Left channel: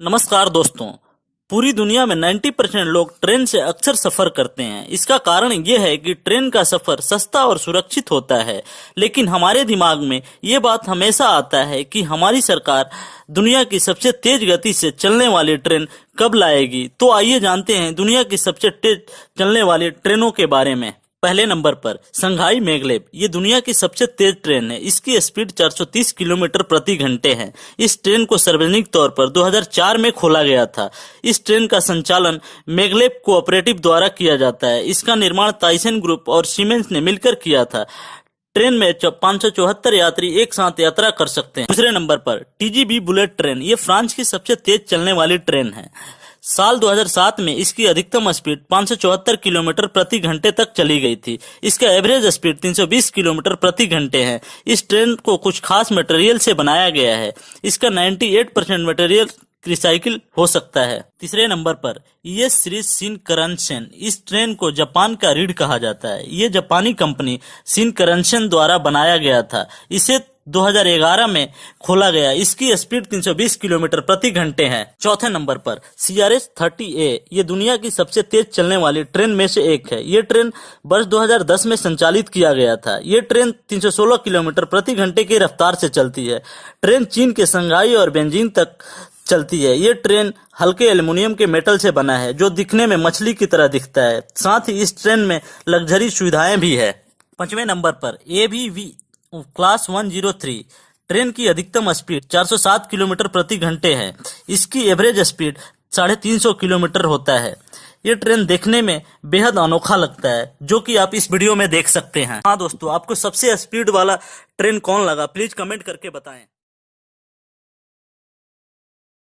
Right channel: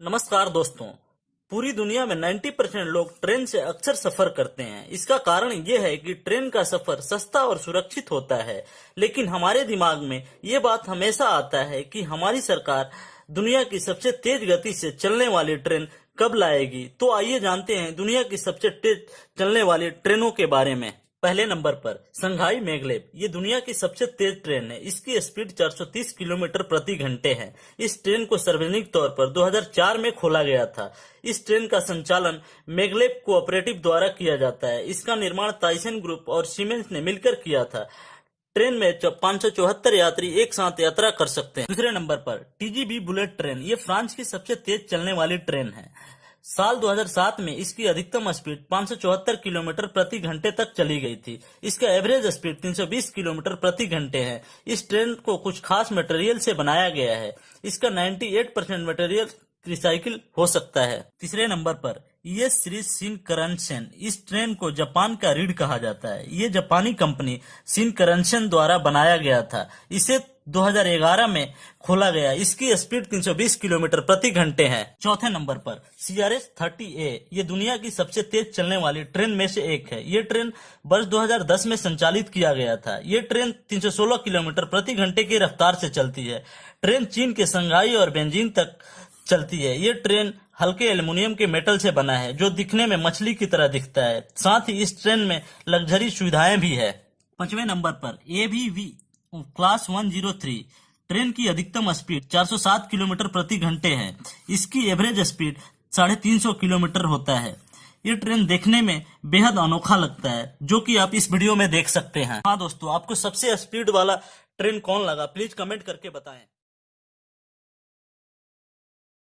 नमस्कार दोस्तों। पूरी दुनिया में 90% लोग ट्रेन से अक्सर सफर करते हैं। इसका कारण यह है कि ट्रेन का सफर सस्ता और सुरक्षित होता है। लेकिन हमारे दिमाग में ये बात हमेशा आता है कि हमारी सरकार दुनिया की सबसे तेज गति से चलने वाली ट्रेन कब लाएगी। तो आइए जानते हैं दुनिया की सबसे तेज चलने वाली ट्रेनों के बारे में। पहले नंबर पर संघाई मैगलेब। ये दुनिया की सबसे तेज ट्रेन है। इसकी स्पीड 430 किलोमीटर प्रति घंटे है। इस ट्रेन को सार्वजनिक तौर पर 2004 में खोला गया था। इस ट्रेन का संचालन मैगलेब कोऑपरेटिव द्वारा किया जाता है। इसका निर्माण ताइसन ग्रुप और सीमेंस ने मिलकर किया था। ट्रेन में 574 यात्री एक साथ यात्रा कर सकते हैं। दूसरे नंबर पर टीजीबी बुलेट ट्रेन। ये फ्रांस की सबसे तेज चलने वाली ट्रेन है। साल 2007 में इसकी अधिकतम स्पीड 574 किलोमीटर प्रति घंटे तक चली गई थी। इसका एवरेज स्पीड 320 किलोमीटर प्रति घंटे है। इस ट्रेन को कुछ खास मटेरियल से बनाया गया है। इसका 98% मटेरियल रिसाइकिल हो सकता है। तीसरे नंबर पर ये सीरीज शिनकनसेन। इस ट्रेन को जापान का रीढ़ कहा जाता है। ये जापानी कंपनी शिनकनसेन द्वारा बनाया गया था। इसे 2011 में खोला गया। इसकी स्पीड 320 किलोमीटर प्रति घंटे है। चौथे नंबर पर CRS 30A। ये दुनिया की सबसे तेज चलने वाली ट्रेन में से एक है। ये ट्रेन वर्ष 2010 में संचालित किया गया था। ये ट्रेन 316 किलोमीटर प्रति घंटे की रफ्तार से चलती है। ट्रेन चीन के शंघाई और बेजिंग तक चलती है। ये ट्रेन हल्के एल्युमिनियम के मेटल से बना है जो दिखने में मछली की तरह दिखता है। साथ ही इस ट्रेन में लग्जरी सुविधाएं भी है। पांचवें नंबर पर ABV क्लास 103। ट्रेन की अधिकतम स्पीड 407 किलोमीटर प्रति घंटे है। इसकी एवरेज स्पीड 350 किलोमीटर होता है। ये ट्रेन देखने में बेहद अनोखा लगता है, जो कि आप इस वीडियो में देख सकते हैं। हाँ दोस्तों, आपको सबसे स्पीड वाला ट्रेन कौन लगा प्लीज कमेंट करके बताएं।